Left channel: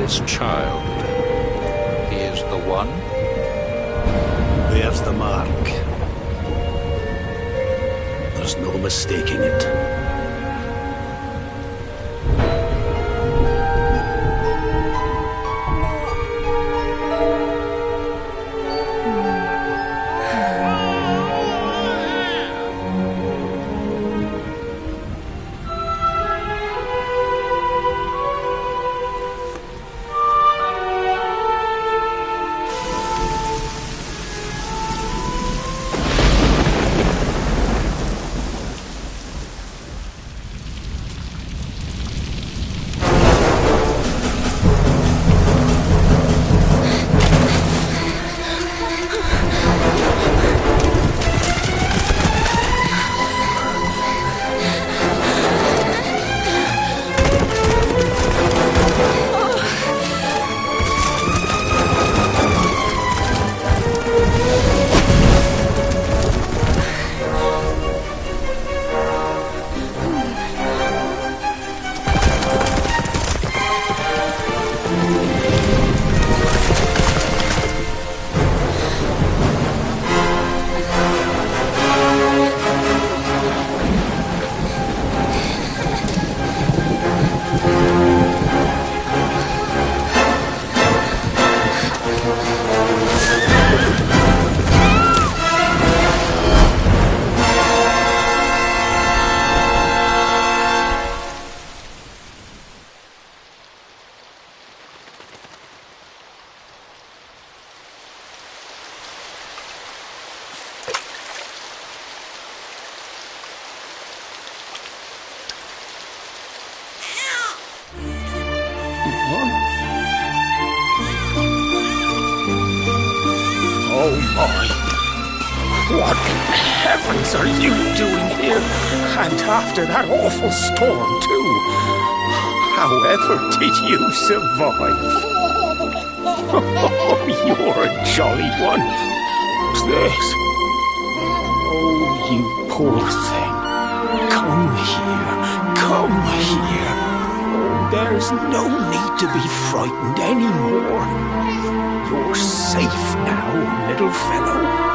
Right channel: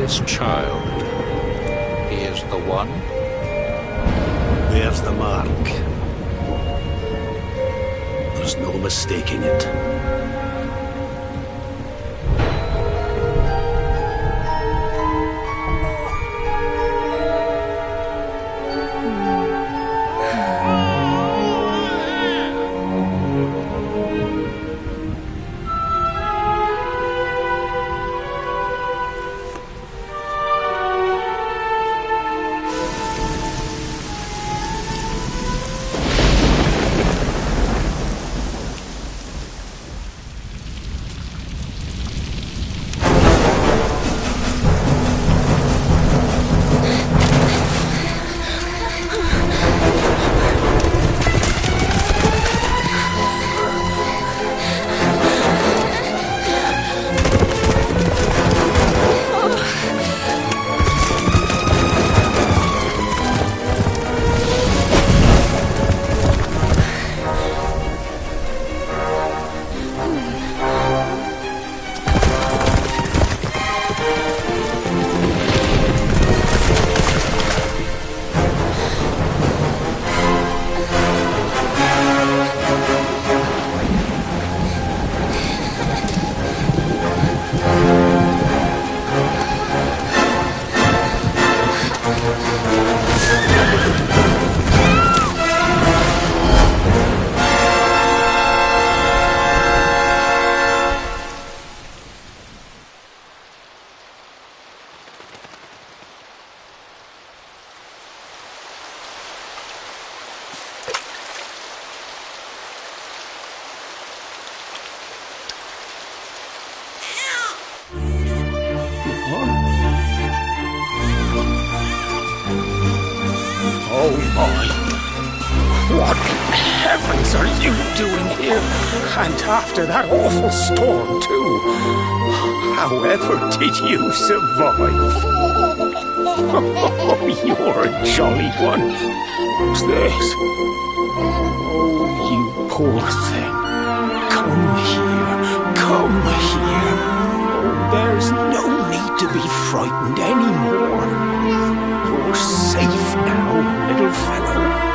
This child, he is the one? There's the mark. There's no mistaking it. Oh my! What in heavens are you doing here? And after that awful storm, too. However did you survive? Oh, you're a jolly one. What's this? Oh, you poor thing. Come here. Come here. Oh, there's no need to be frightened anymore. You're safe now, little fellow.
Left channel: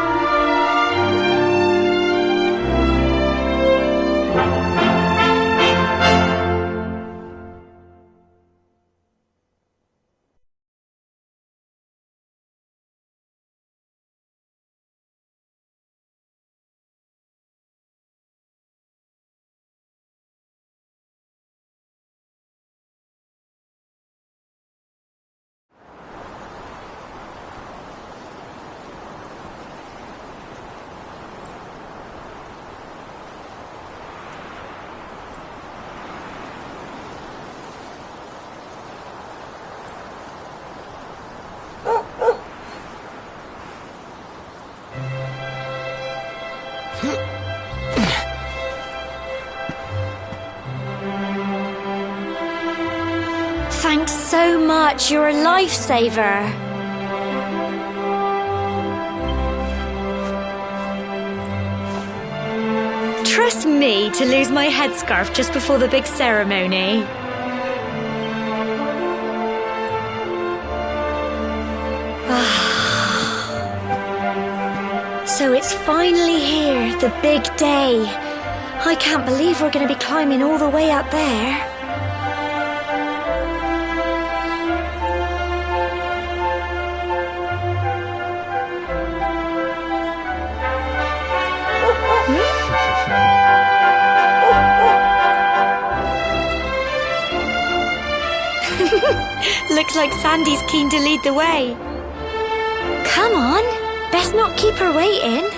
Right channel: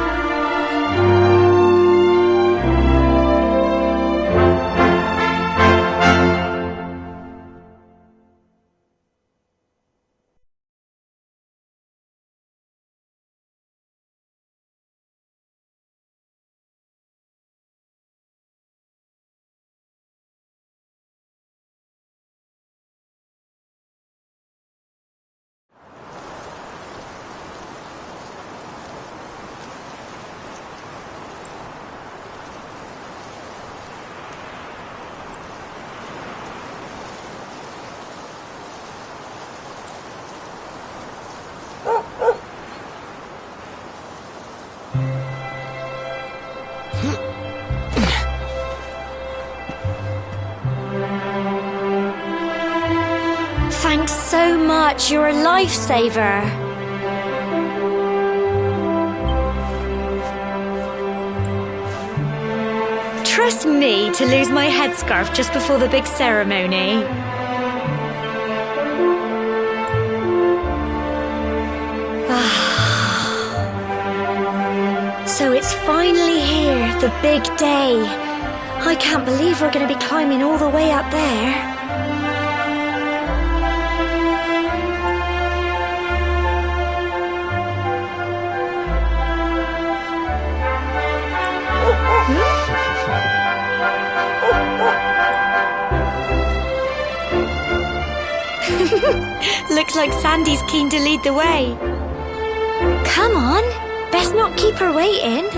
Thanks so much. You're a lifesaver. Trust me to lose my headscarf just before the big ceremony. So it's finally here, the big day. I can't believe we're going to be climbing all the way up there. Looks like Sandy's keen to lead the way. Come on, best not keep her waiting.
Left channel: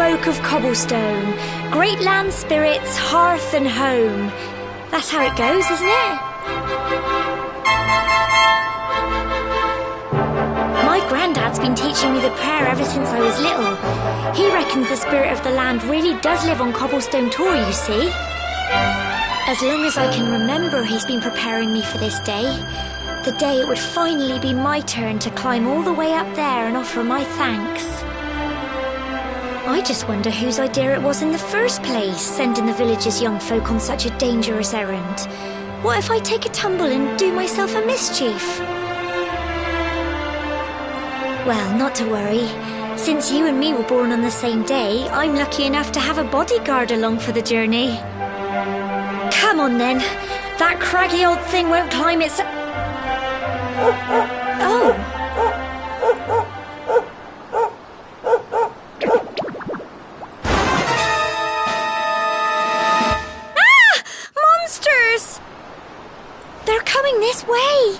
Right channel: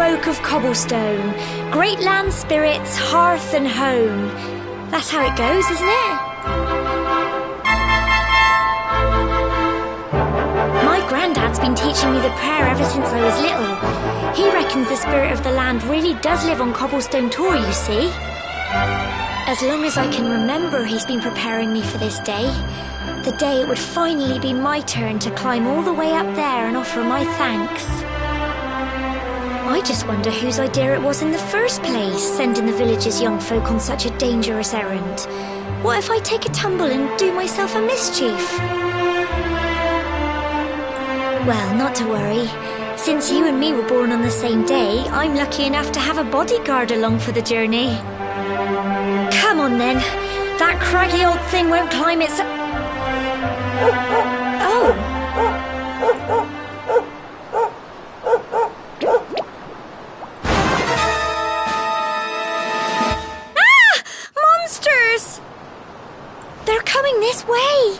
folk of Cobblestone, great land spirits, hearth and home. That's how it goes, isn't it? My granddad's been teaching me the prayer ever since I was little. He reckons the spirit of the land really does live on Cobblestone Tor, you see. As long as I can remember, he's been preparing me for this day. The day it would finally be my turn to climb all the way up there and offer my thanks. I just wonder whose idea it was in the first place, sending the village's young folk on such a dangerous errand. What if I take a tumble and do myself a mischief? Well, not to worry. Since you and me were born on the same day, I'm lucky enough to have a bodyguard along for the journey. Come on then. That craggy old thing won't climb its... Oh. Ah! Monsters! They're coming this way.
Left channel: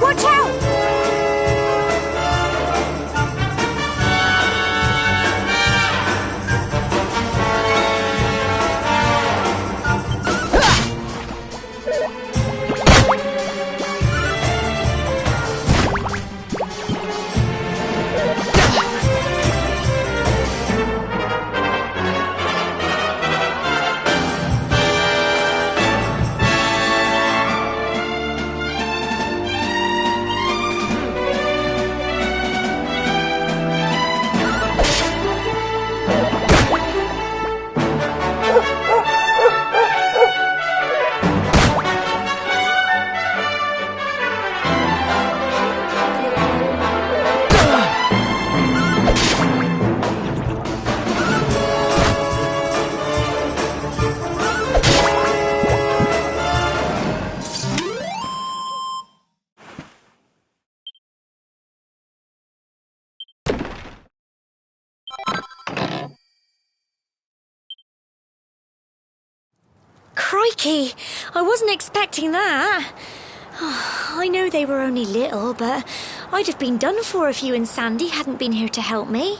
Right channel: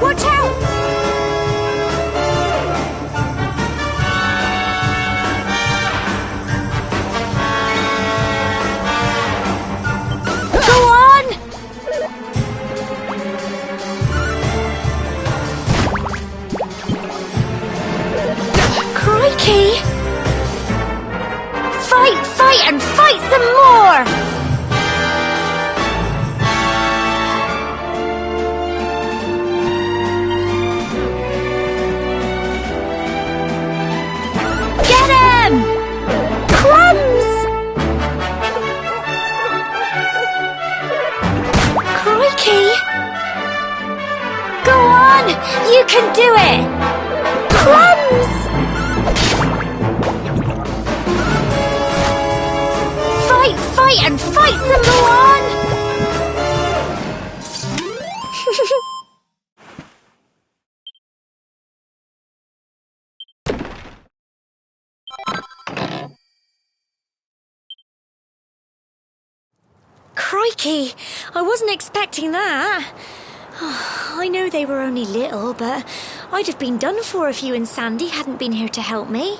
Watch out! You can do it! Plums! Fight, and fight some more! Crikey! I wasn't expecting that. I know they were only little, but I'd have been done for if you and Sandy hadn't been here to help me.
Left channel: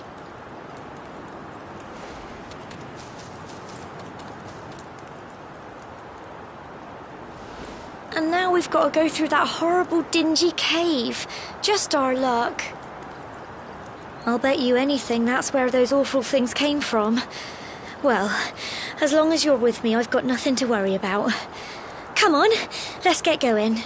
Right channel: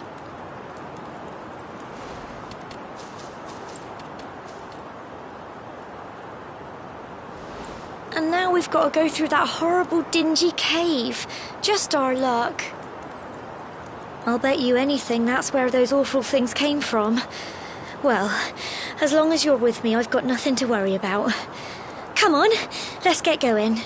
And now we've got to go through that horrible dingy cave. Just our luck. I'll bet you anything that's where those awful things came from. Well, as long as you're with me, I've got nothing to worry about. Come on, let's get going.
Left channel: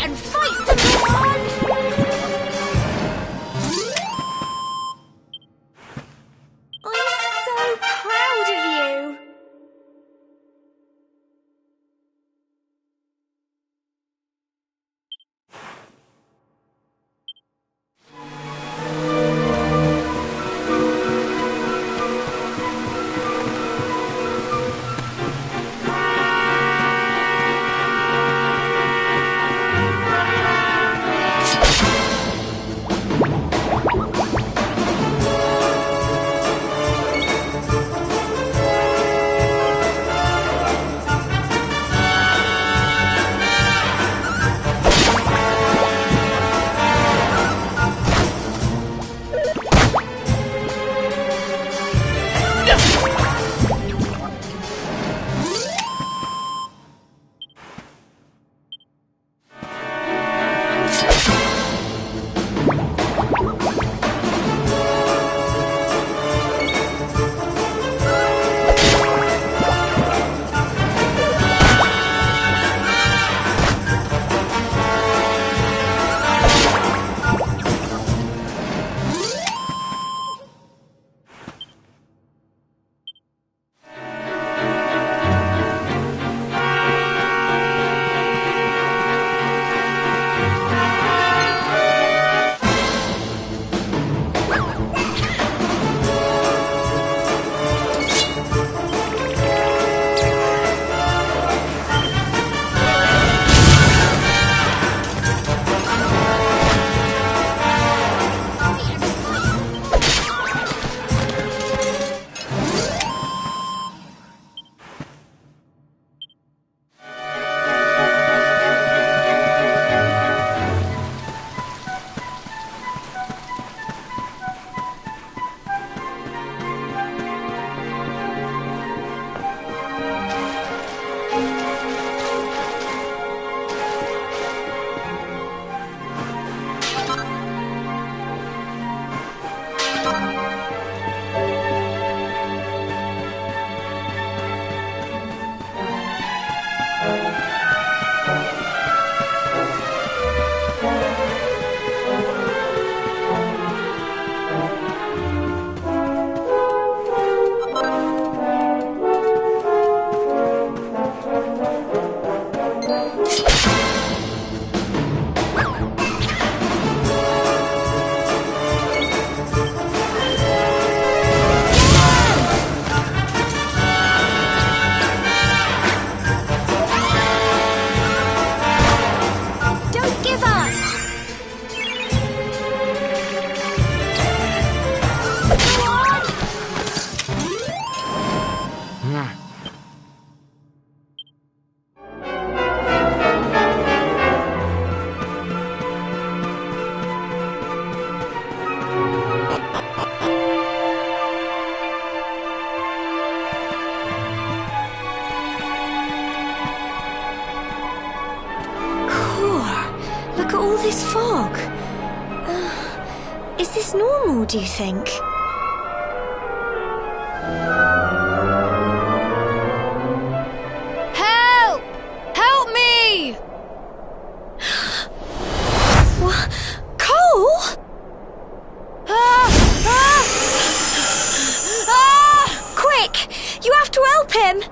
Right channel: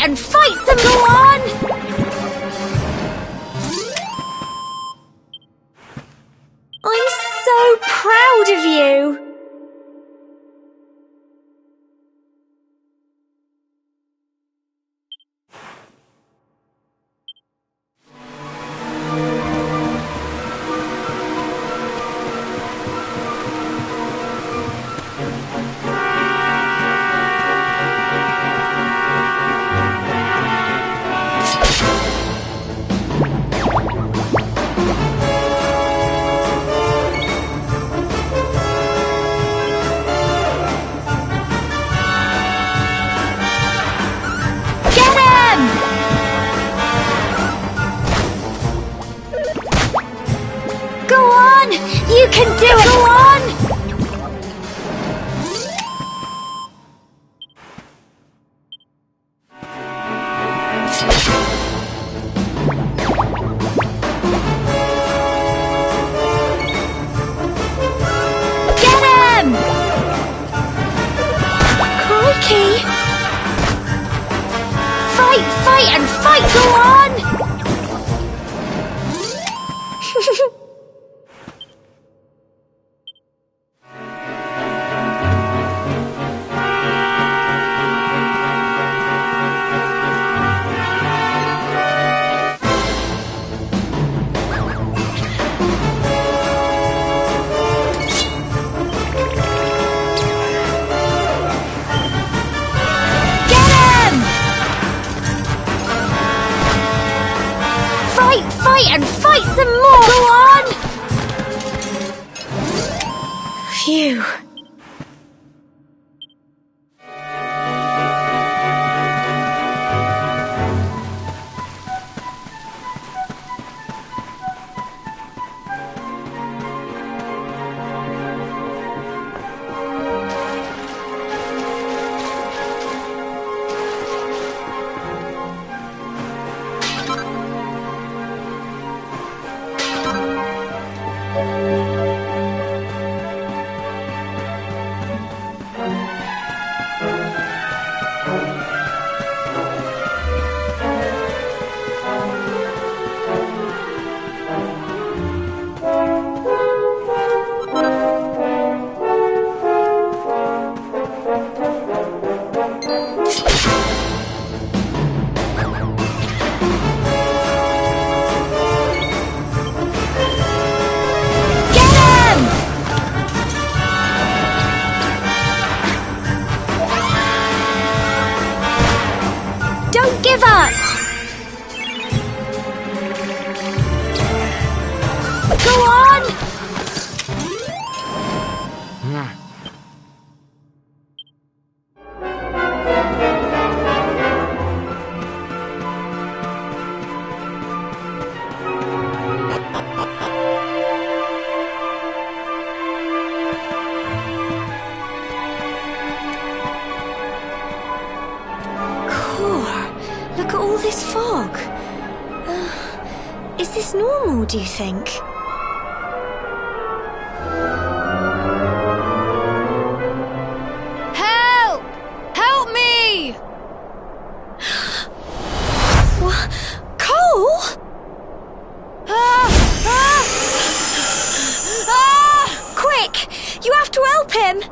And fight some more! I'm so proud of you! And fight some more! Go on! Phew. Give up! Go on! Look at all this fog. Is this normal, do you think? Help! Help me! What? Cole? Quick! You have to help him!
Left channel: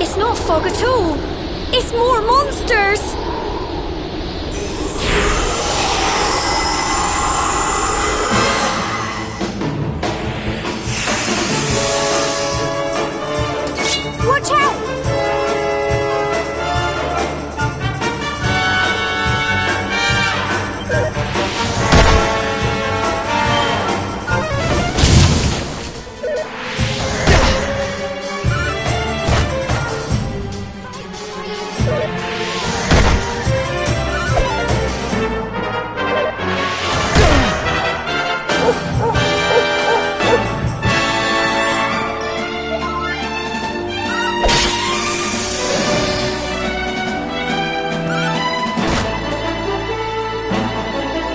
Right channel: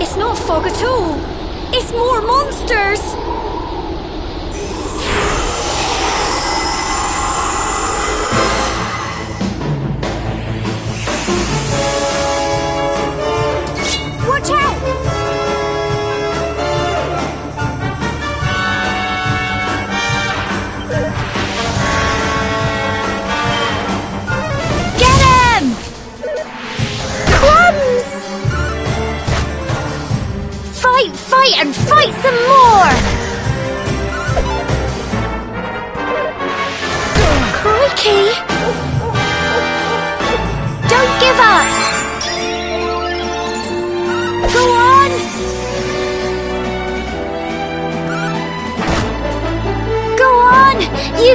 It's not fog at all. It's more monsters.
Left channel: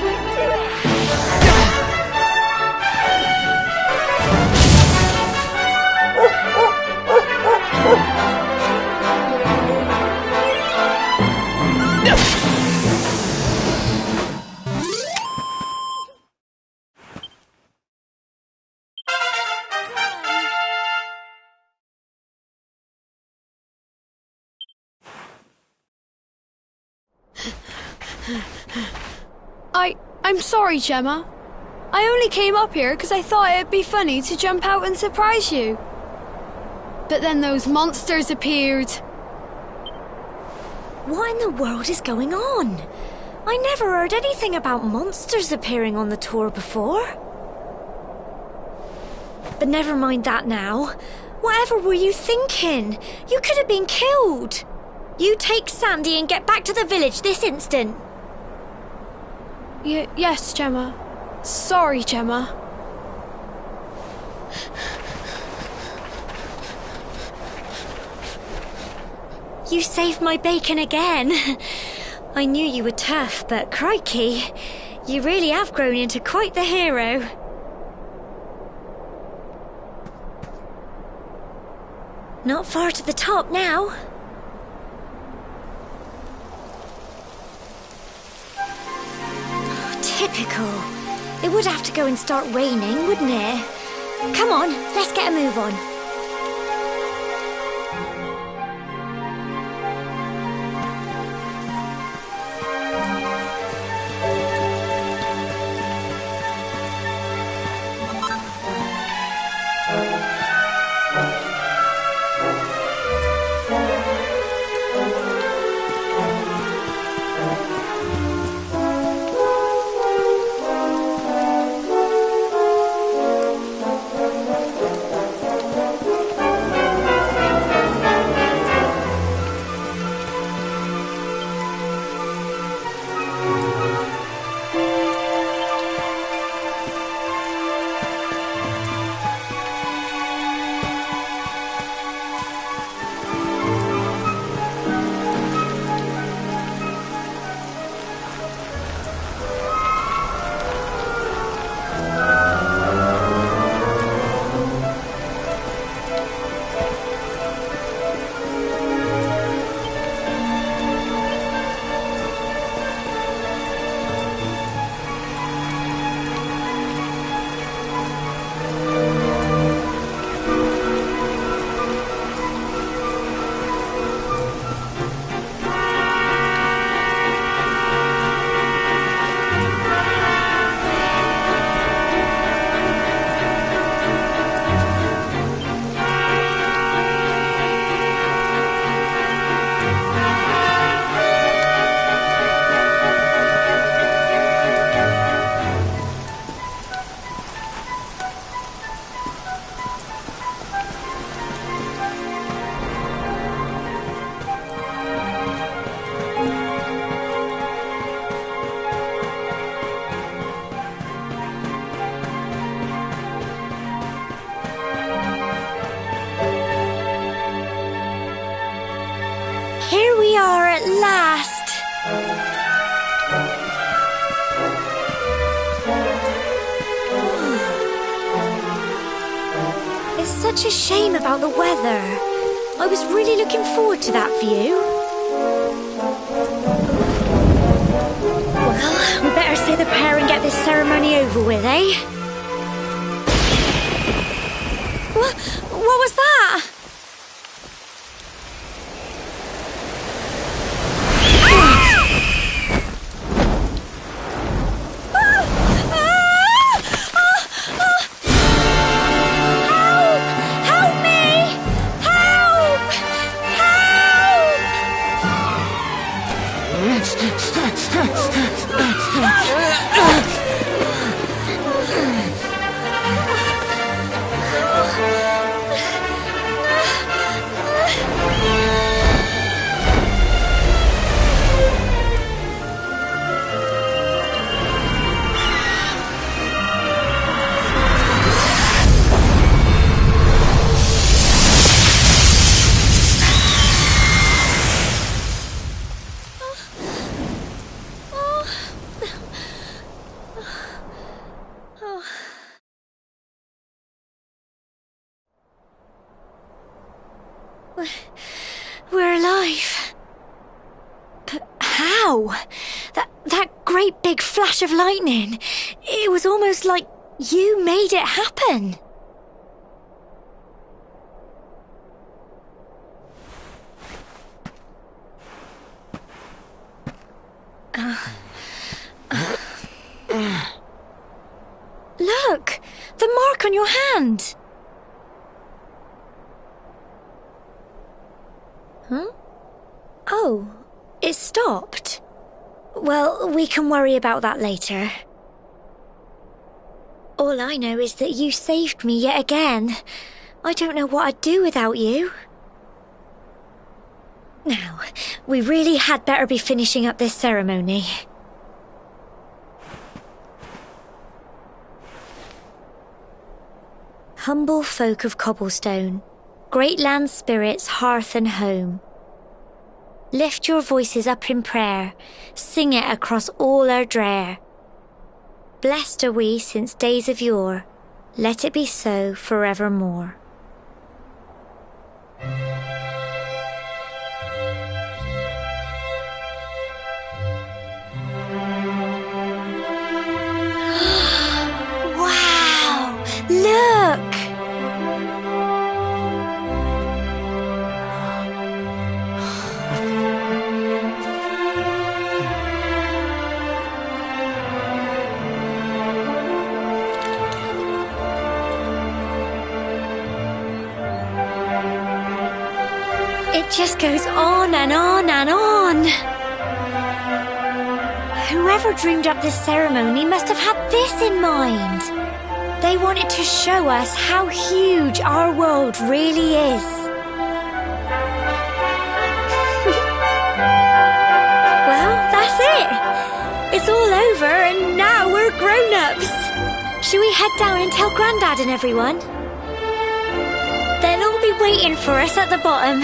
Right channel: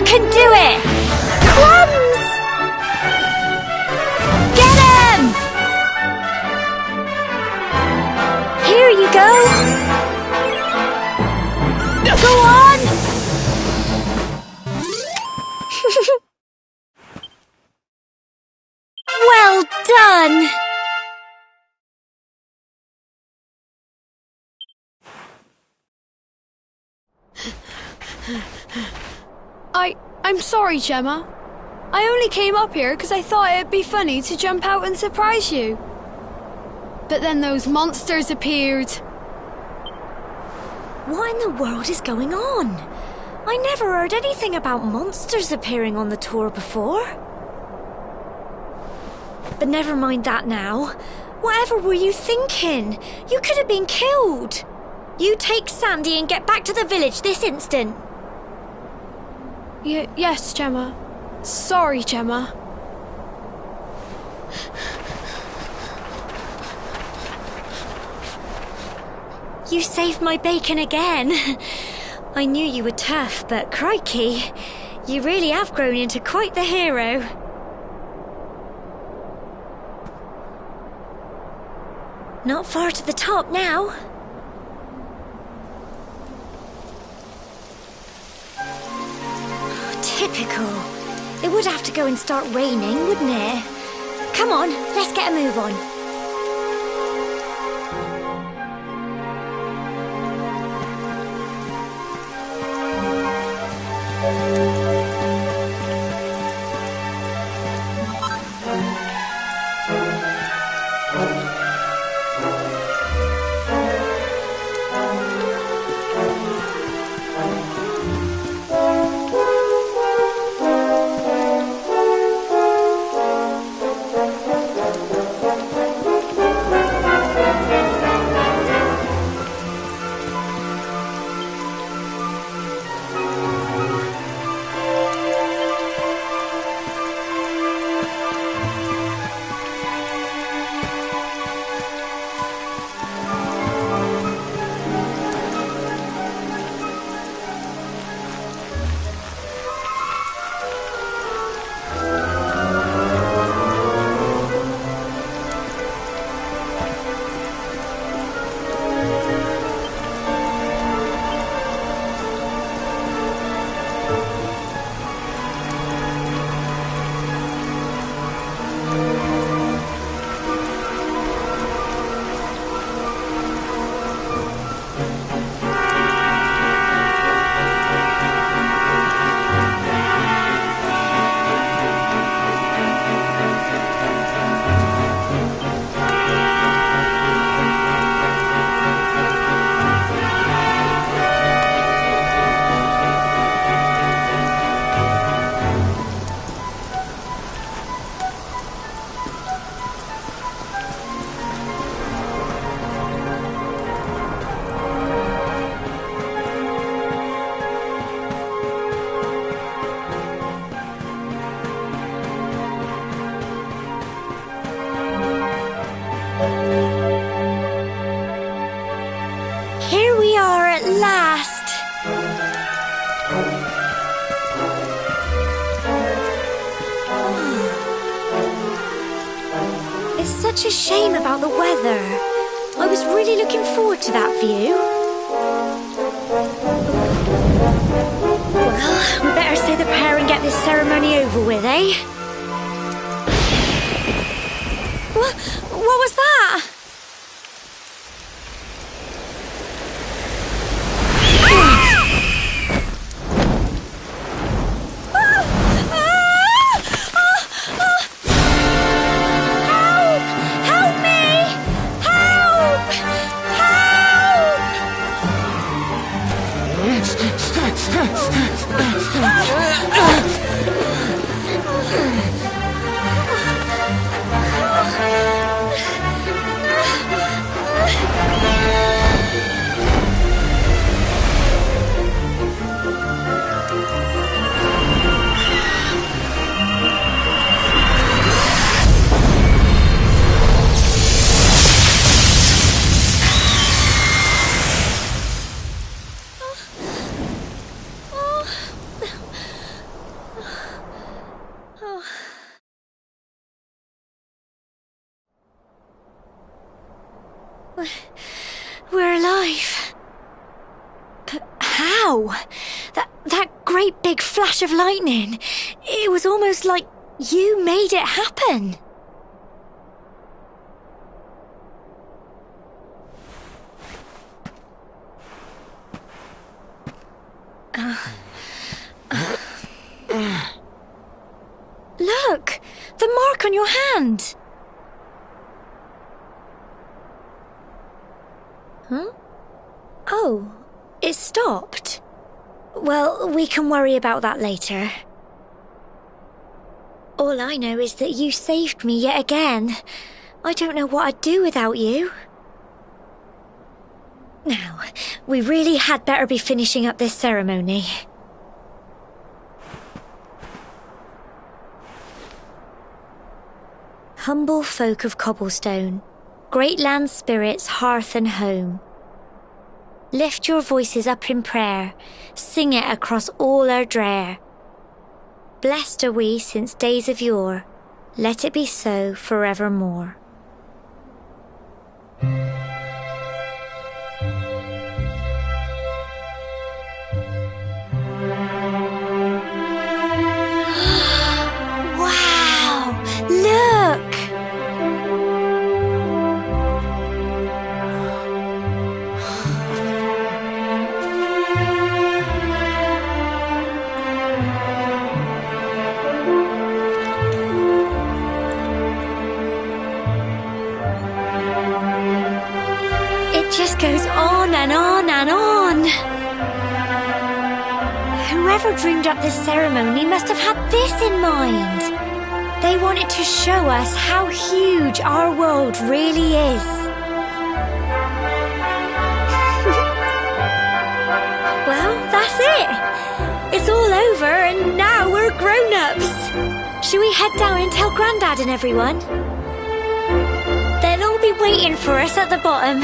can do it! Crumbs! Get him! Here you go! Go on! Well done! I'm sorry, Gemma. I only came up here because I thought it'd be funny to jump out and surprise you. But then those monsters appeared. What in the world is going on? I never heard anything about monsters appearing on the tour before. But never mind that now. Whatever were you thinking? You could have been killed. You take Sandy and get back to the village this instant. Yes, Gemma. Sorry, Gemma. You saved my bacon again. I knew you were tough, but crikey, you really have grown into quite the hero. Not far to the top now. Typical. It would have to go and start raining, wouldn't it? Come on, let's get a move on. Here we are at last. It's such a shame about the weather. I was really looking forward to that view. Well, we better say the prayer and get this ceremony over with, eh? What was that? Wow! That great big flash of lightning. It was almost like you made it happen. Look! The mark on your hand! Huh? Oh, it stopped. Well, we can worry about that later. All I know is that you saved me yet again. I don't know what I'd do without you. Now, we really had better be finishing up this ceremony. Humble folk of Cobblestone, great land spirits, hearth and home. Lift your voices up in prayer, sing it across all our drear. Blessed are we since days of yore, let it be so forevermore. Wow! Look! It just goes on and on and on. Whoever dreamed up this ceremony must have had this in mind. They wanted to show us how huge our world really is. Well, that's it. It's all over and now we're grown-ups. Shall we head down and tell Grandad and everyone? They'll all be waiting for us at the bottom.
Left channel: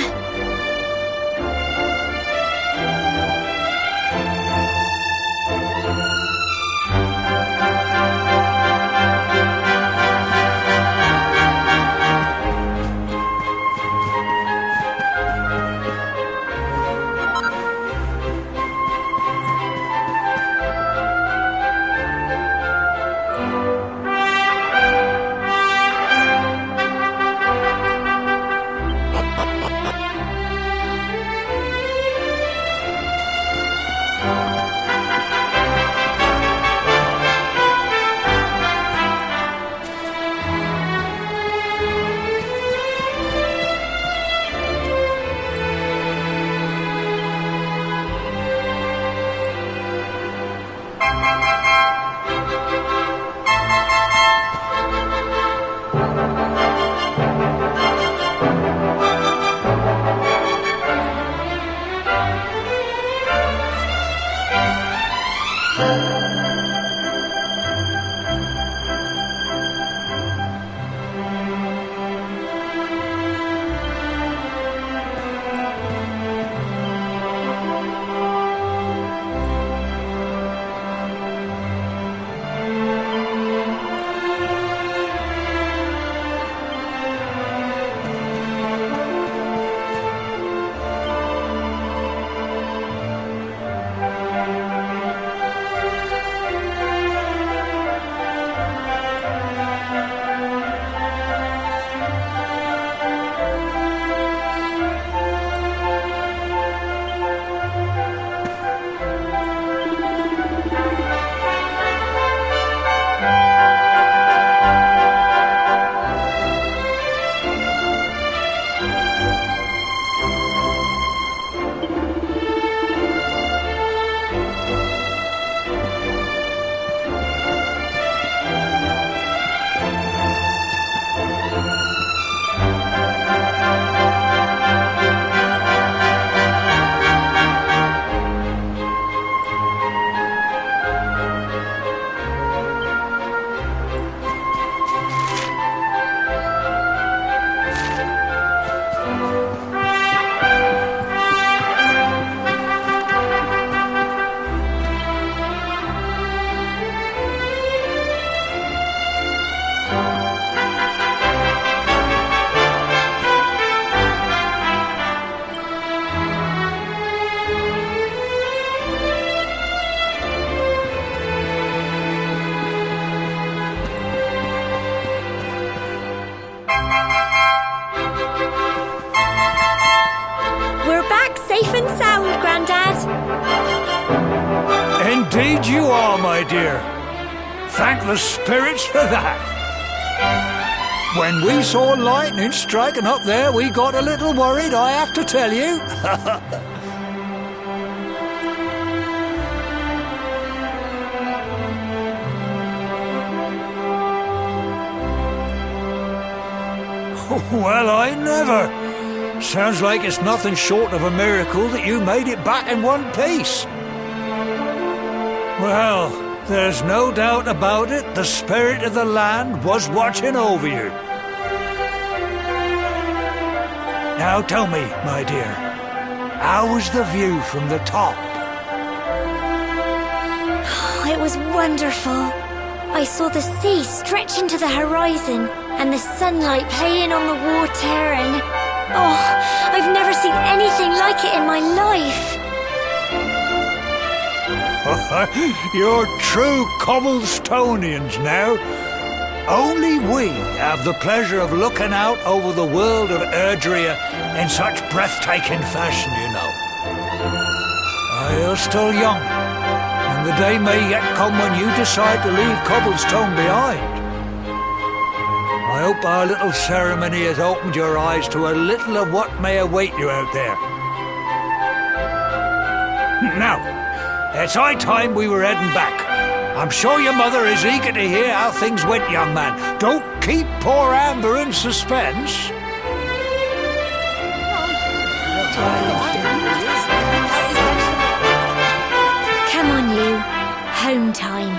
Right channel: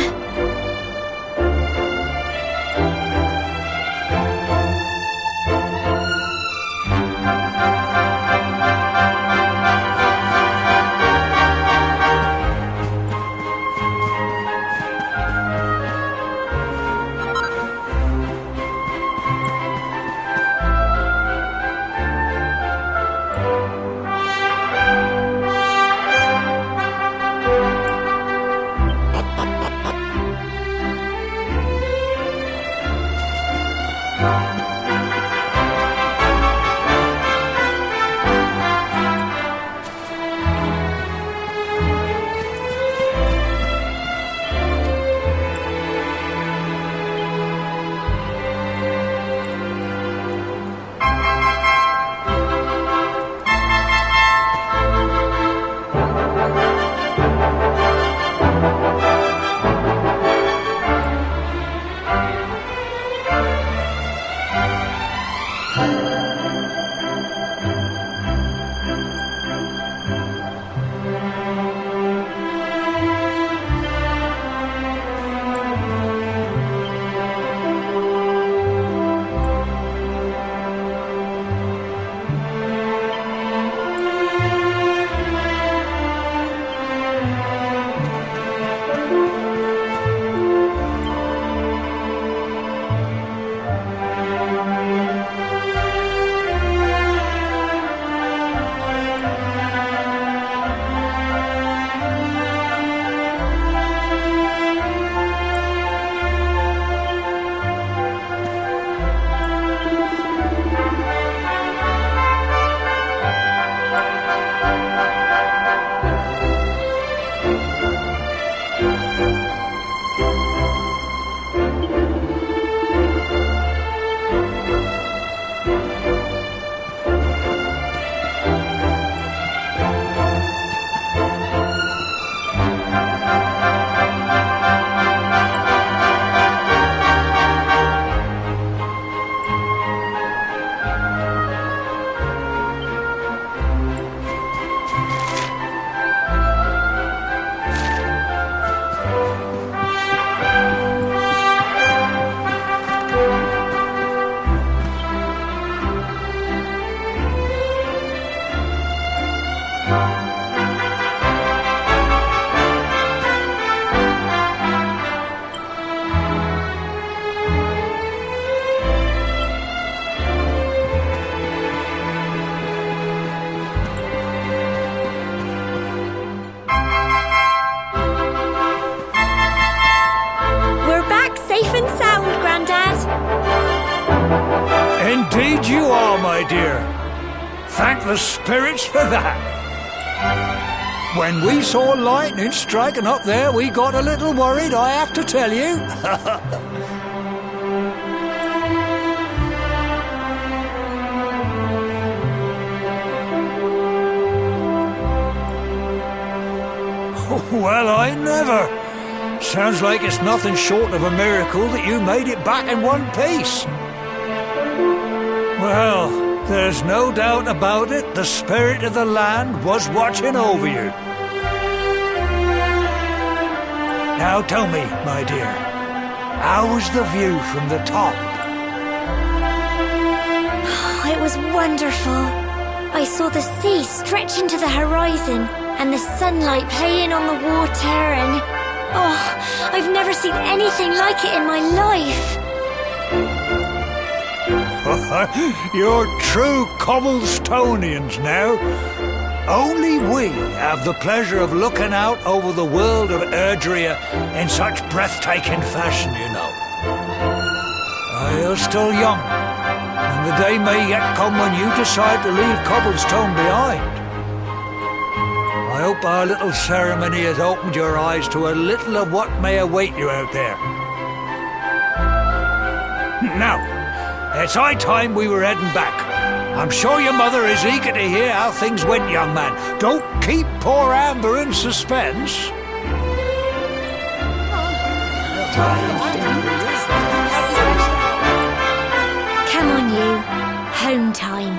Grandad? Indeed you are, my dear. Thank the spirits for that. When we saw lightning striking up there, we got a little worried, I have to tell you. Well, I never. Sounds like it's nothing short of a miracle that you made it back in one piece. Well, there's no doubt about it, the spirit of the land was watching over you. Now tell me, my dear, how was the view from the top? It was wonderful. I saw the sea stretch into the horizon and the sunlight playing on the water and... Oh, I've never seen anything like it in my life. You're true Cobblestonians now. Only we have the pleasure of looking out over the world of Erdrea in such breathtaking fashion, you know. You're still young, and the day may yet come when you decide to leave Cobblestone behind. I hope our little ceremony has opened your eyes to a little of what may await you out there. Now, it's high time we were heading back. I'm sure your mother is eager to hear how things went, young man. Don't keep poor Amber in suspense. Come on, you. Home time.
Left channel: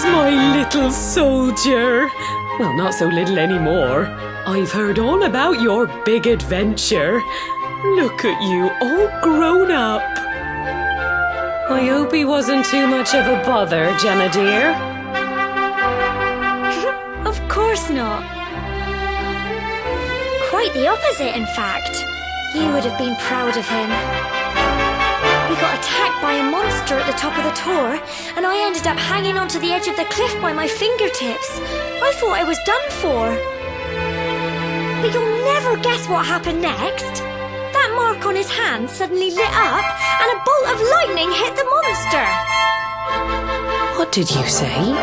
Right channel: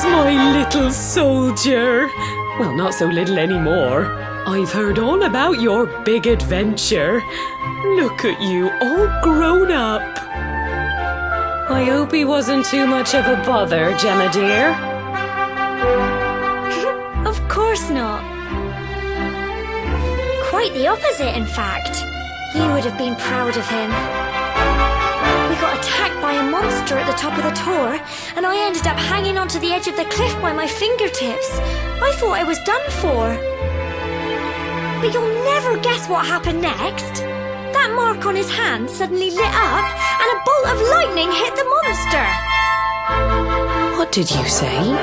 There's my little soldier. Well, not so little anymore. I've heard all about your big adventure. Look at you, all grown up. I hope he wasn't too much of a bother, Gemma dear. Of course not. Quite the opposite, in fact. You would have been proud of him. We got attacked by a monster at the top of the tor, and I ended up hanging onto the edge of the cliff by my fingertips. I thought I was done for. But you'll never guess what happened next. That mark on his hand suddenly lit up, and a bolt of lightning hit the monster. What did you say?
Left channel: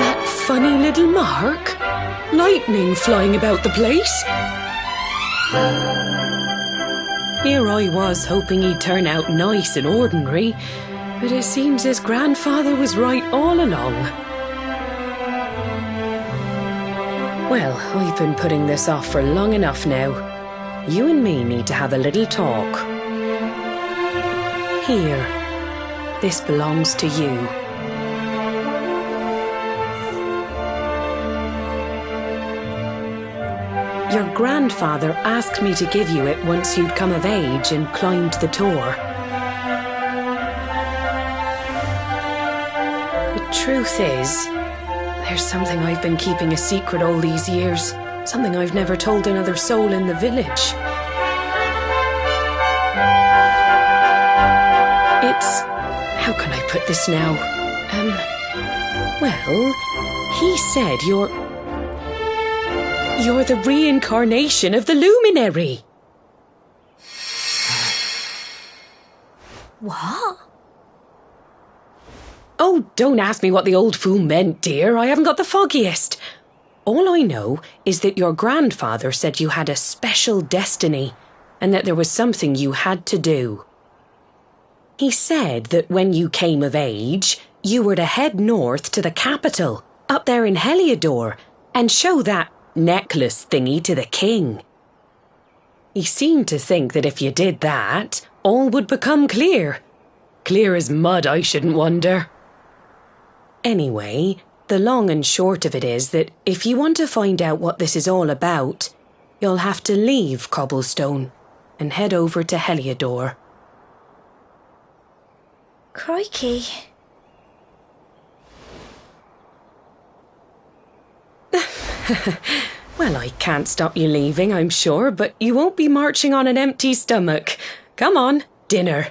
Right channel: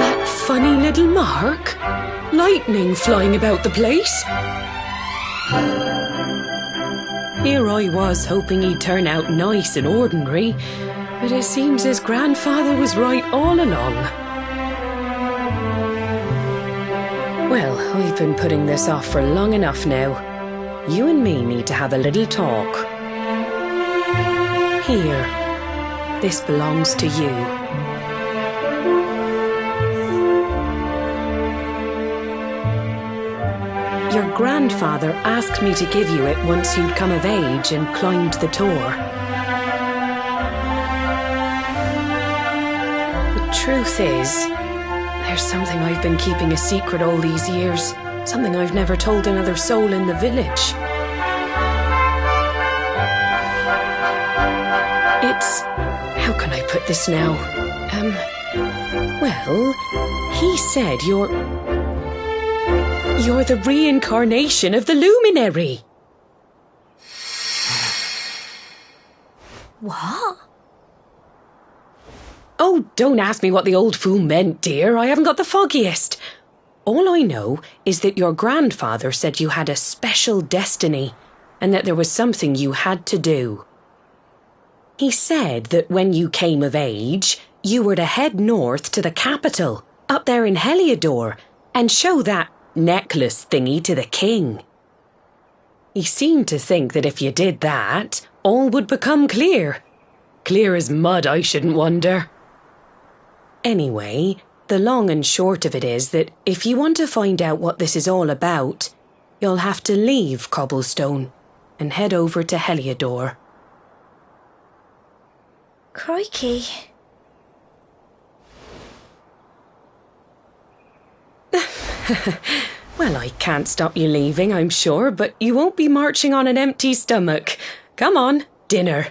That funny little mark? Lightning flying about the place? Here I was hoping he'd turn out nice and ordinary, but it seems his grandfather was right all along. Well, I've been putting this off for long enough now. You and me need to have a little talk. Here, this belongs to you. Your grandfather asked me to give you it once you'd come of age and climbed the tor. The truth is, there's something I've been keeping a secret all these years. Something I've never told another soul in the village. It's... how can I put this now? Well, he said you're the reincarnation of the luminary. What? Oh, don't ask me what the old fool meant, dear. I haven't got the foggiest. All I know is that your grandfather said you had a special destiny and that there was something you had to do. He said that when you came of age, you were to head north to the capital, up there in Heliodor, and show that necklace thingy to the king. He seemed to think that if you did that, all would become clear. Clear as mud, I shouldn't wonder. Anyway, the long and short of it is that if you want to find out what this is all about, you'll have to leave Cobblestone and head over to Heliodor. Crikey. Well, I can't stop you leaving, I'm sure, but you won't be marching on an empty stomach. Come on, dinner.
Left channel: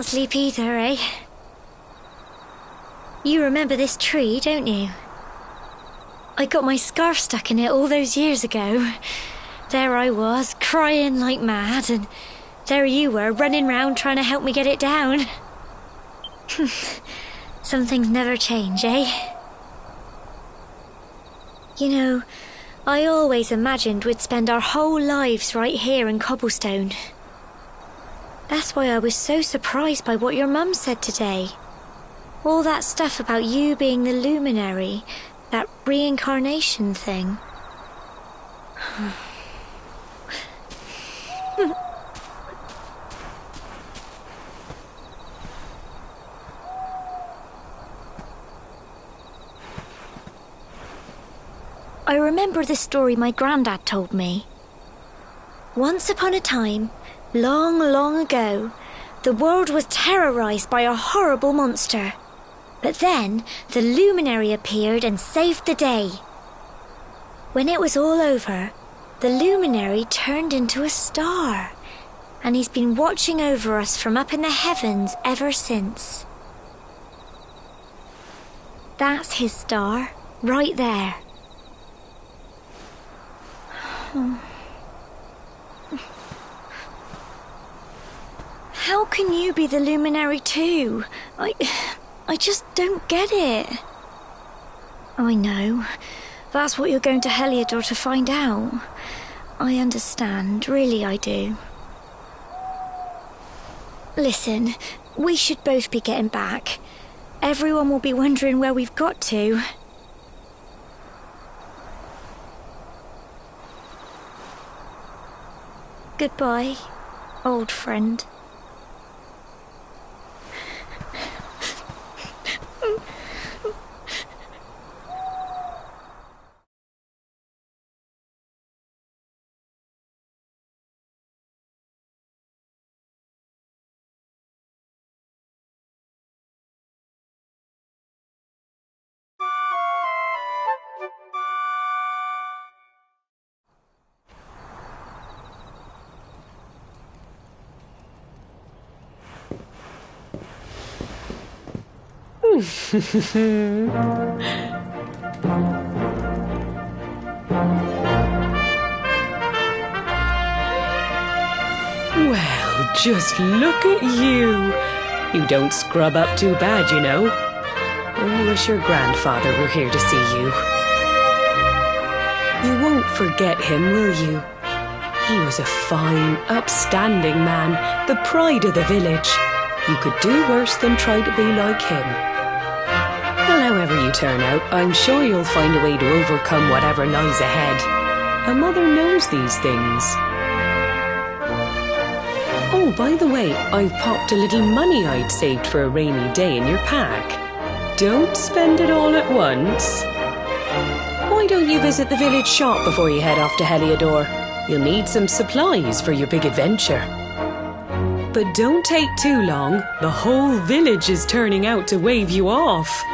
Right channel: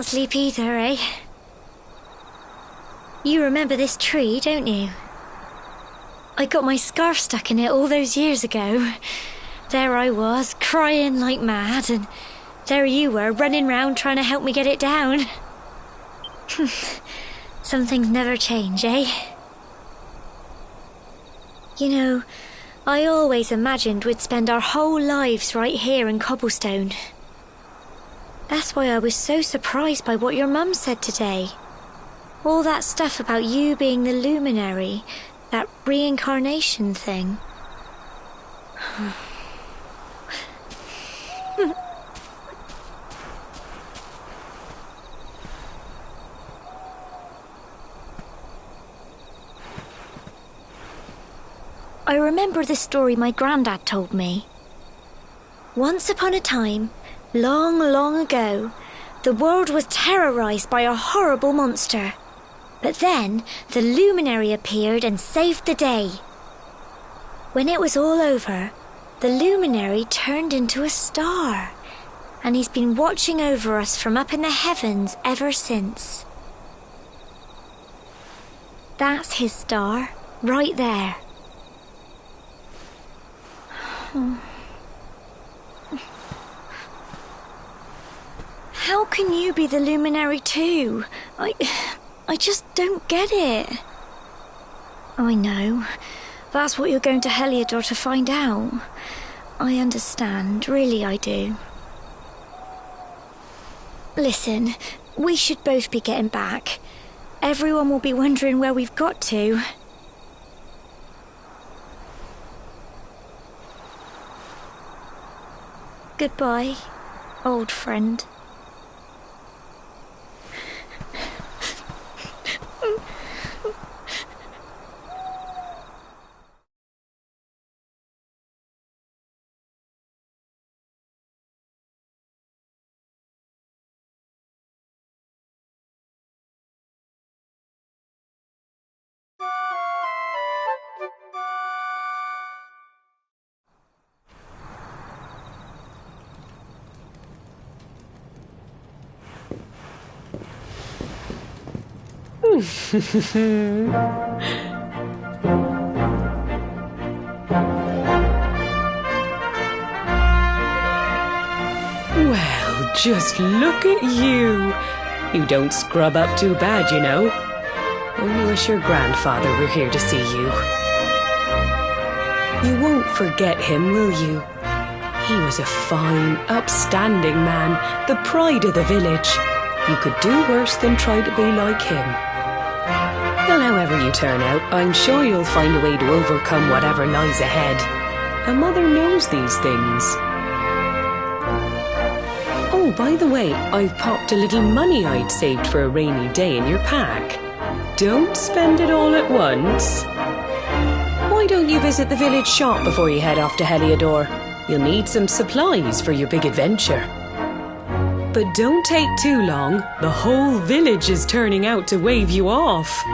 can't sleep either, eh? You remember this tree, don't you? I got my scarf stuck in it all those years ago. There I was, crying like mad, and there you were, running round trying to help me get it down. Some things never change, eh? You know, I always imagined we'd spend our whole lives right here in Cobblestone. That's why I was so surprised by what your mum said today. All that stuff about you being the luminary, that reincarnation thing. I remember the story my granddad told me. Once upon a time, long, long ago, the world was terrorized by a horrible monster. But then the luminary appeared and saved the day. When it was all over, the luminary turned into a star, and he's been watching over us from up in the heavens ever since. That's his star, right there. How can you be the luminary too? I just don't get it. I know. That's what you're going to Heliodor to find out. I understand, really I do. Listen, we should both be getting back. Everyone will be wondering where we've got to. Goodbye, old friend. Well, just look at you. You don't scrub up too bad, you know. Only wish your grandfather were here to see you. You won't forget him, will you? He was a fine, upstanding man, the pride of the village. You could do worse than try to be like him. Well, however you turn out, I'm sure you'll find a way to overcome whatever lies ahead. A mother knows these things. Oh, by the way, I've popped a little money I'd saved for a rainy day in your pack. Don't spend it all at once. Why don't you visit the village shop before you head off to Heliodor? You'll need some supplies for your big adventure. But don't take too long. The whole village is turning out to wave you off.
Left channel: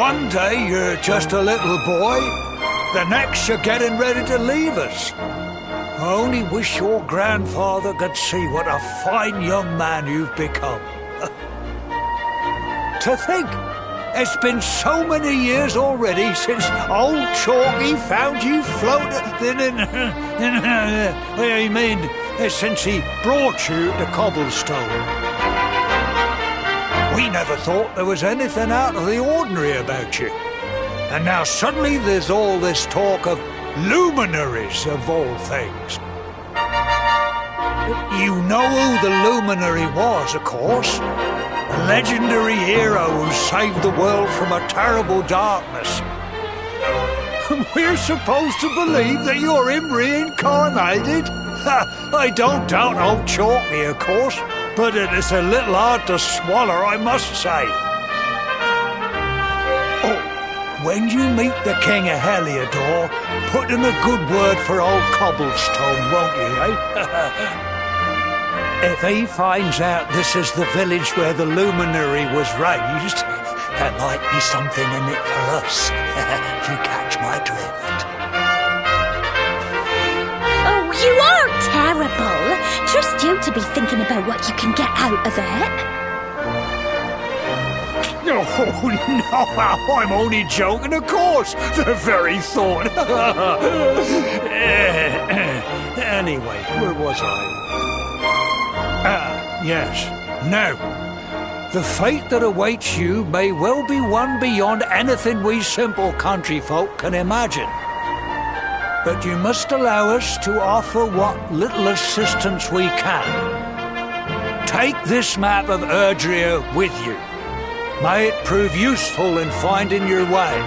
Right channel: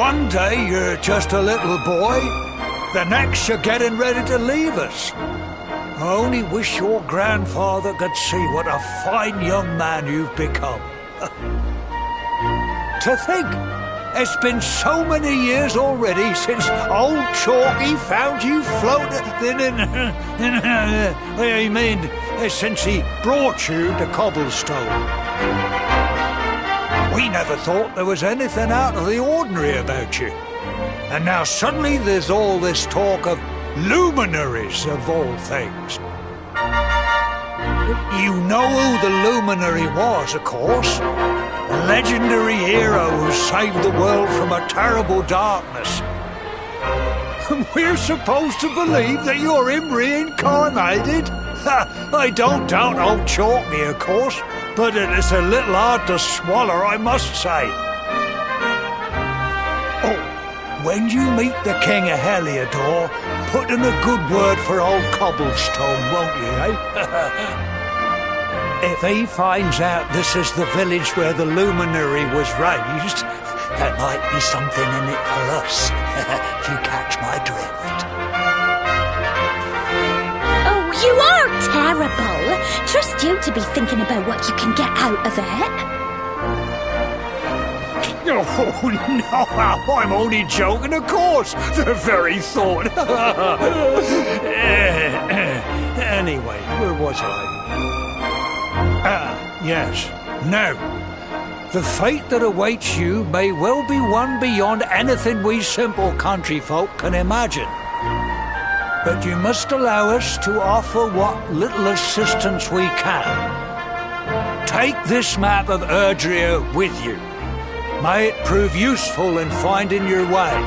One day you're just a little boy, the next you're getting ready to leave us. I only wish your grandfather could see what a fine young man you've become. To think, it's been so many years already since old Chalky found you floating. I mean, since he brought you to Cobblestone. We never thought there was anything out of the ordinary about you. And now suddenly there's all this talk of luminaries of all things. You know who the luminary was, of course. A legendary hero who saved the world from a terrible darkness. And we're supposed to believe that you're him reincarnated? I don't doubt old Chalky, of course, but it's a little hard to swallow, I must say. Oh, when you meet the King of Heliodor, put in a good word for old Cobblestone, won't you, eh? If he finds out this is the village where the luminary was raised, there might be something in it for us, if you catch my drift. Oh, you are terrible. Trust you to be thinking about what you can get out of it. Oh, no, I'm only joking, of course. The very thought. Anyway, where was I? Yes. Now, the fate that awaits you may well be one beyond anything we simple country folk can imagine. But you must allow us to offer what little assistance we can. Take this map of Erdrea with you. May it prove useful in finding your way.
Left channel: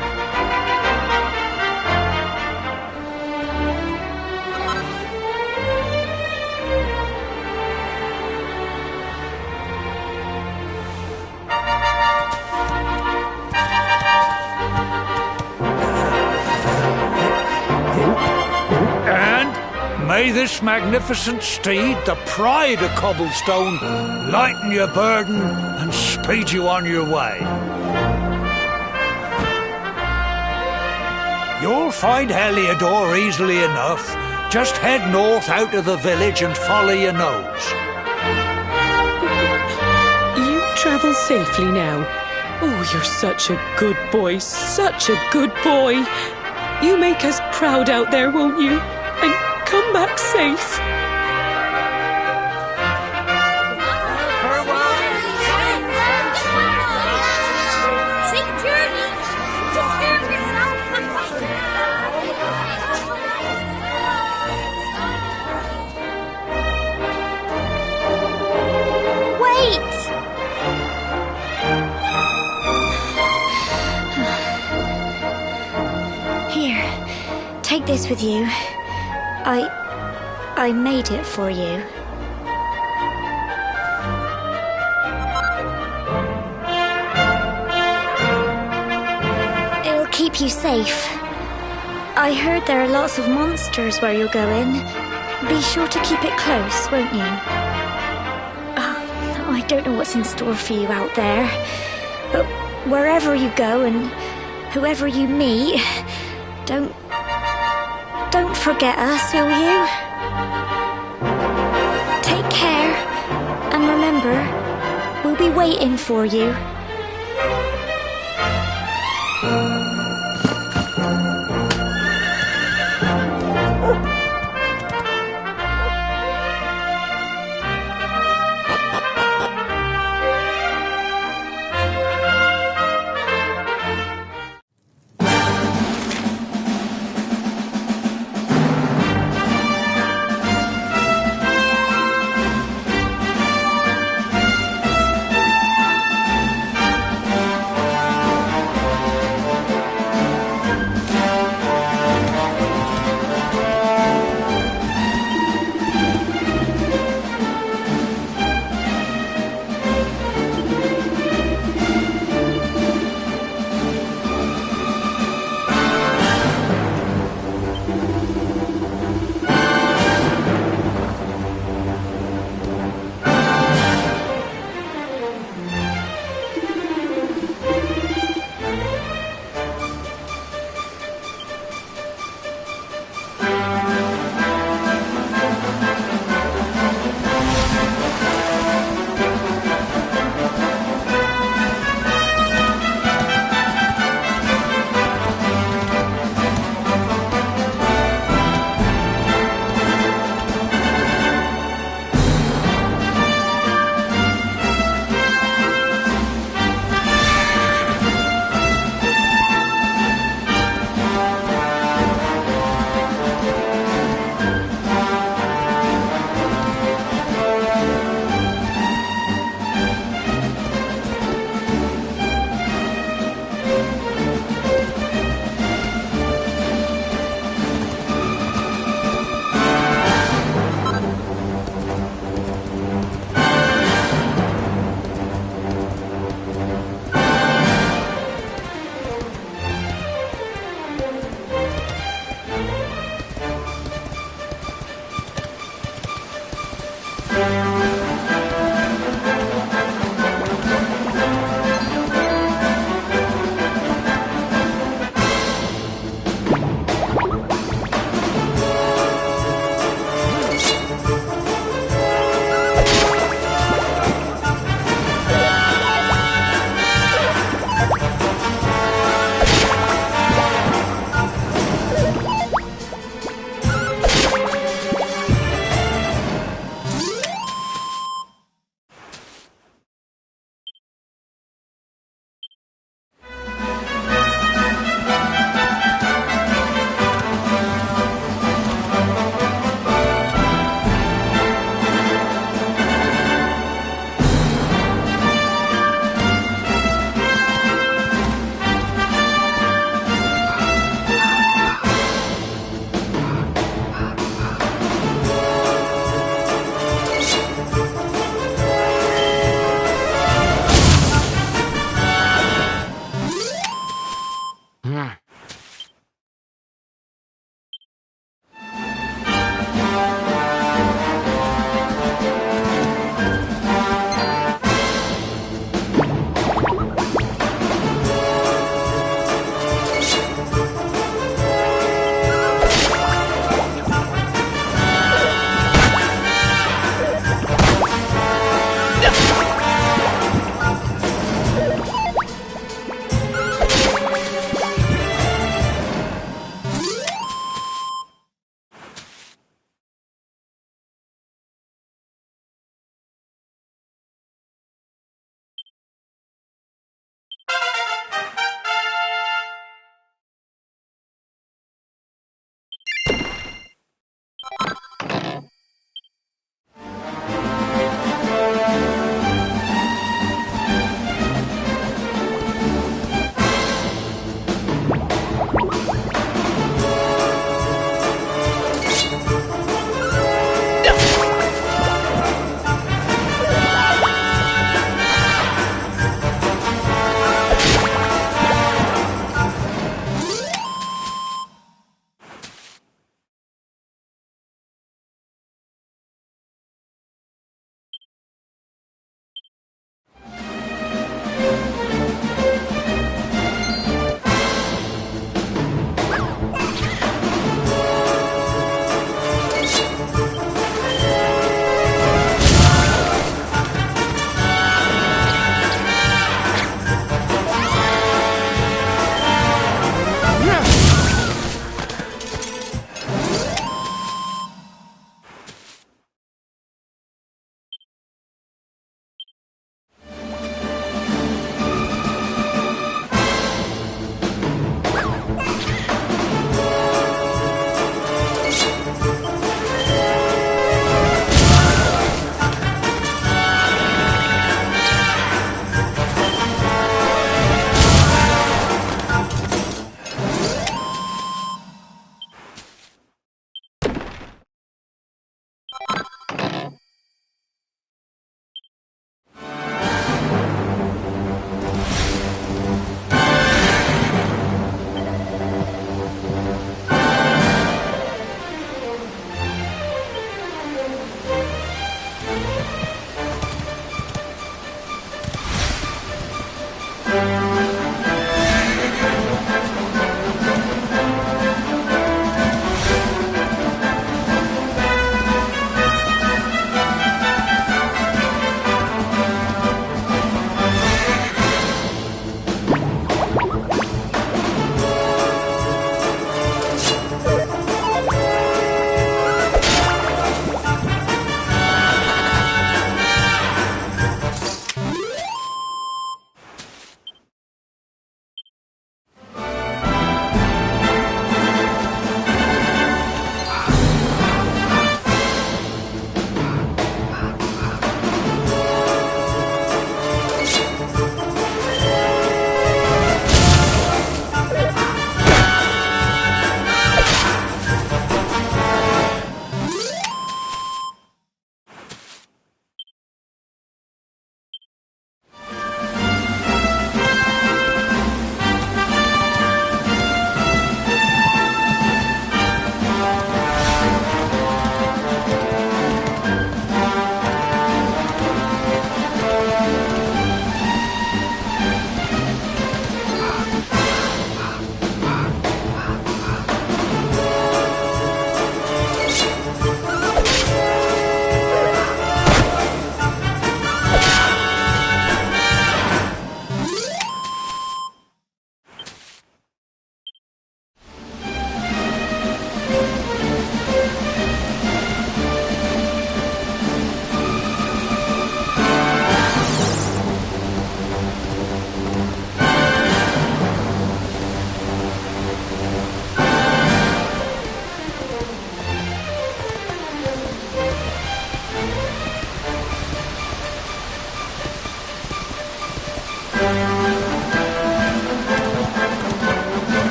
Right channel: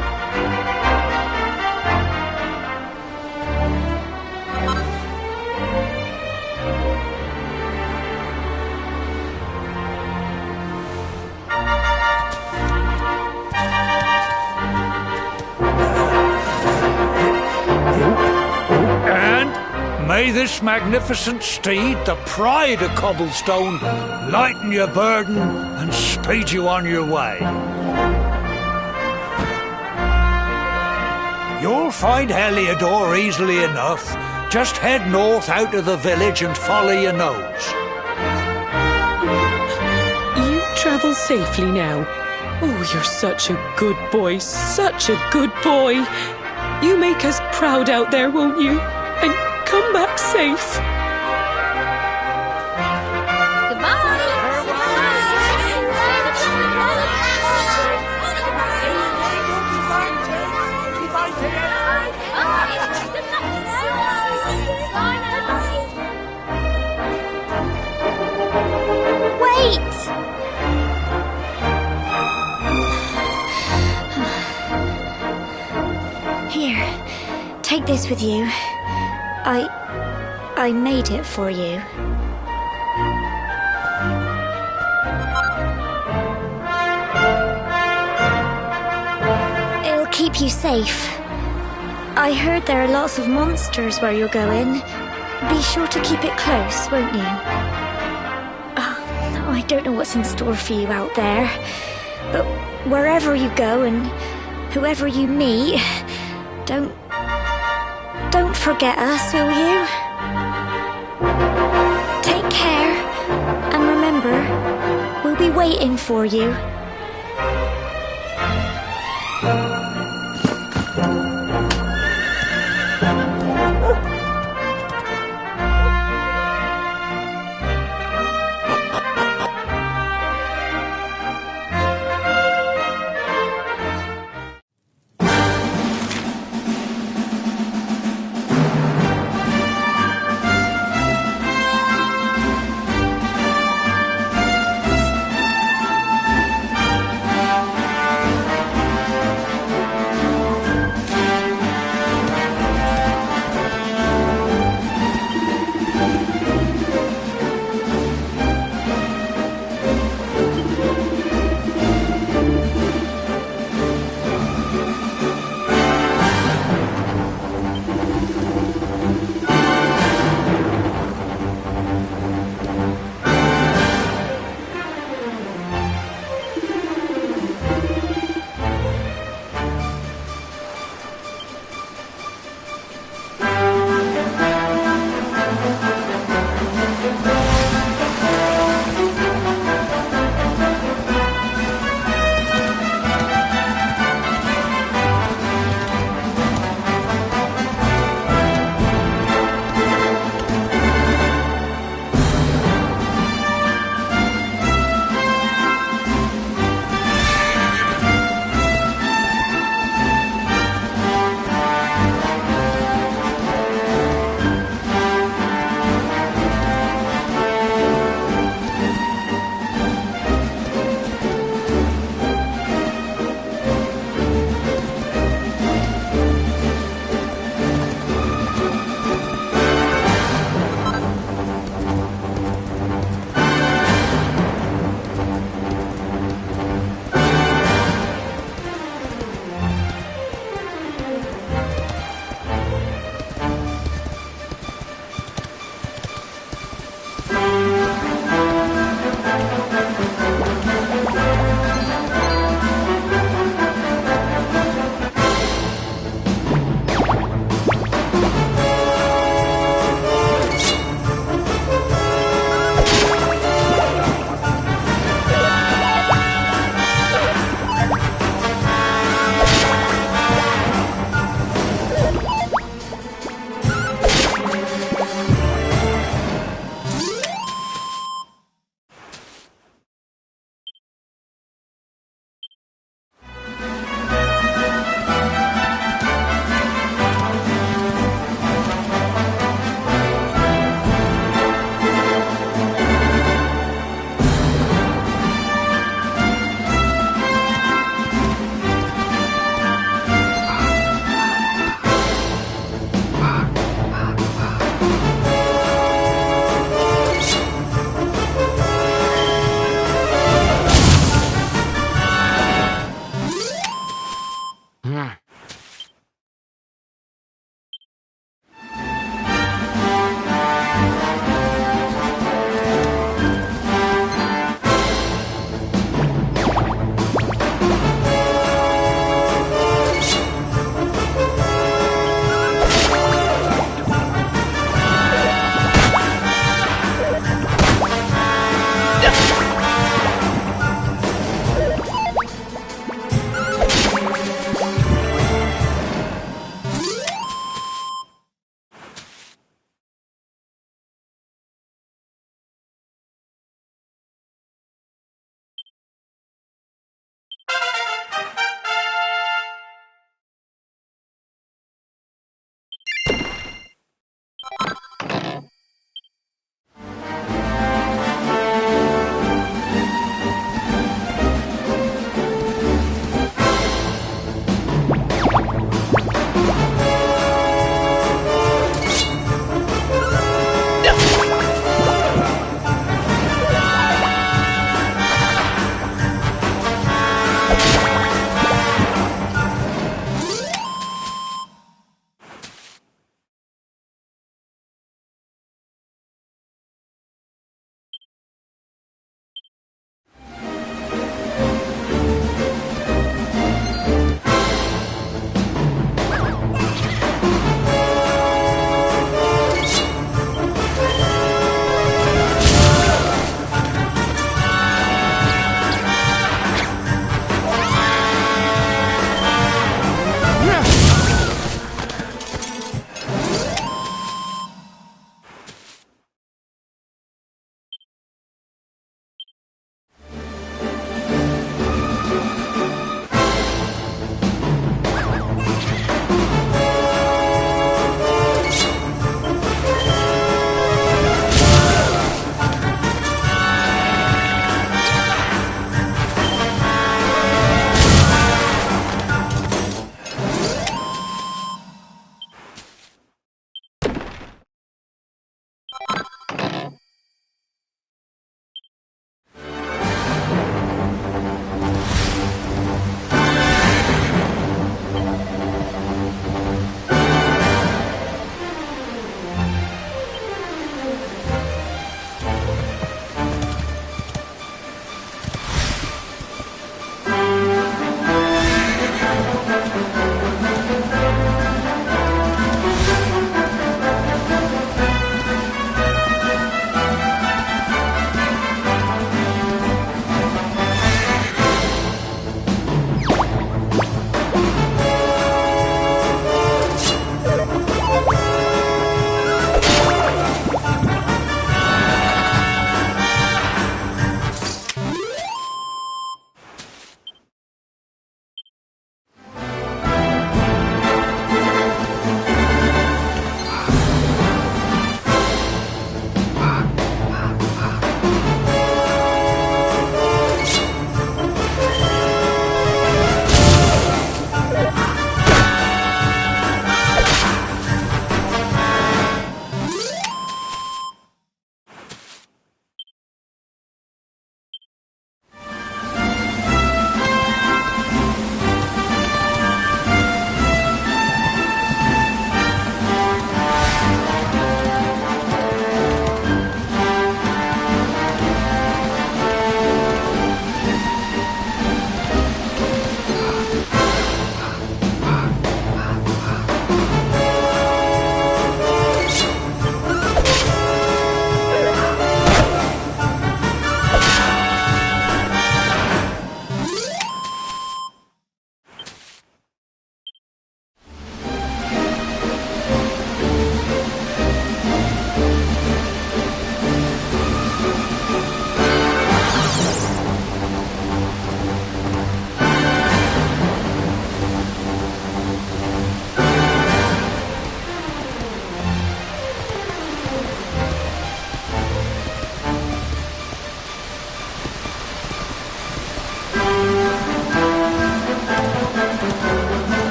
May this magnificent steed, the pride of Cobblestone, lighten your burden and speed you on your way. You'll find Heliodor easily enough. Just head north out of the village and follow your nose. You travel safely now. Oh, you're such a good boy, such a good boy. You make us proud out there, won't you? And come back safe. Wait! Here, take this with you. I made it for you. It'll keep you safe. I heard there are lots of monsters where you're going. Be sure to keep it close, won't you? I don't know what's in store for you out there, but wherever you go and whoever you meet, don't forget us, will you? Take care, and remember, we'll be waiting for you.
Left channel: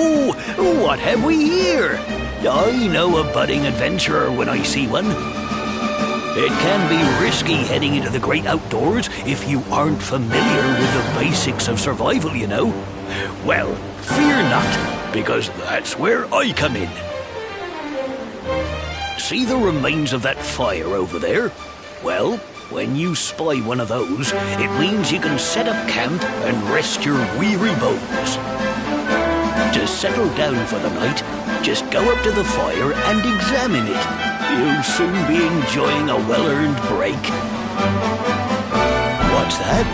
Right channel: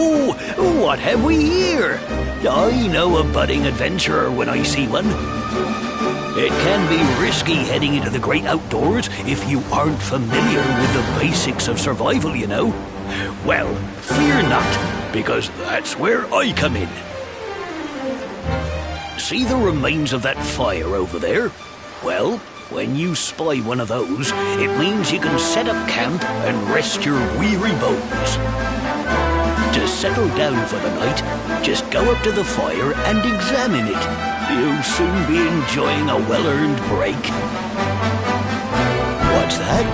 Oh, what have we here? I know a budding adventurer when I see one. It can be risky heading into the great outdoors if you aren't familiar with the basics of survival, you know. Well, fear not, because that's where I come in. See the remains of that fire over there? Well, when you spy one of those, it means you can set up camp and rest your weary bones. To settle down for the night, just go up to the fire and examine it. You'll soon be enjoying a well-earned break. What's that?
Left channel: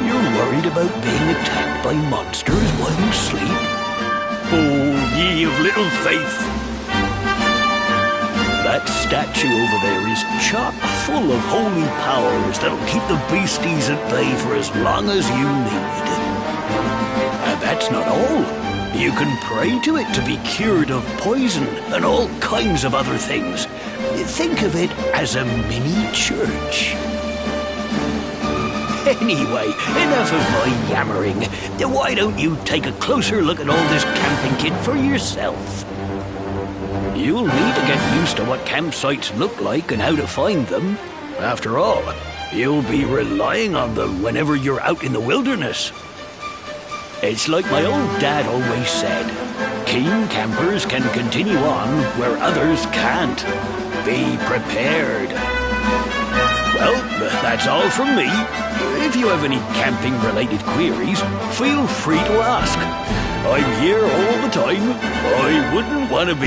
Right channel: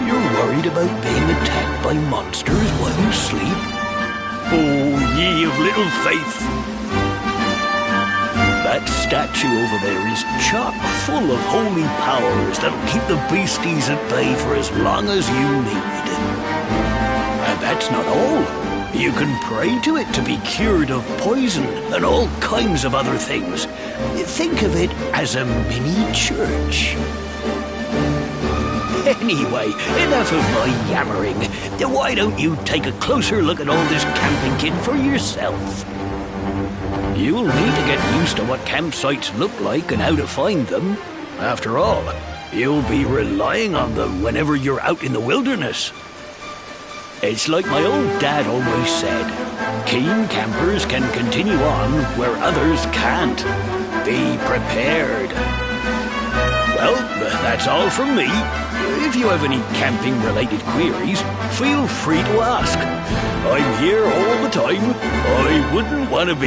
You're worried about being attacked by monsters while you sleep? Oh, ye of little faith! That statue over there is chock full of holy powers that'll keep the beasties at bay for as long as you need. And that's not all. You can pray to it to be cured of poison and all kinds of other things. Think of it as a mini church. Anyway, enough of my yammering. Why don't you take a closer look at all this camping kit for yourself? You'll need to get used to what campsites look like and how to find them. After all, you'll be relying on them whenever you're out in the wilderness. It's like my old dad always said, keen campers can continue on where others can't. Be prepared. Well, that's all from me. If you have any camping-related queries, feel free to ask. I'm here all the time. I wouldn't want to be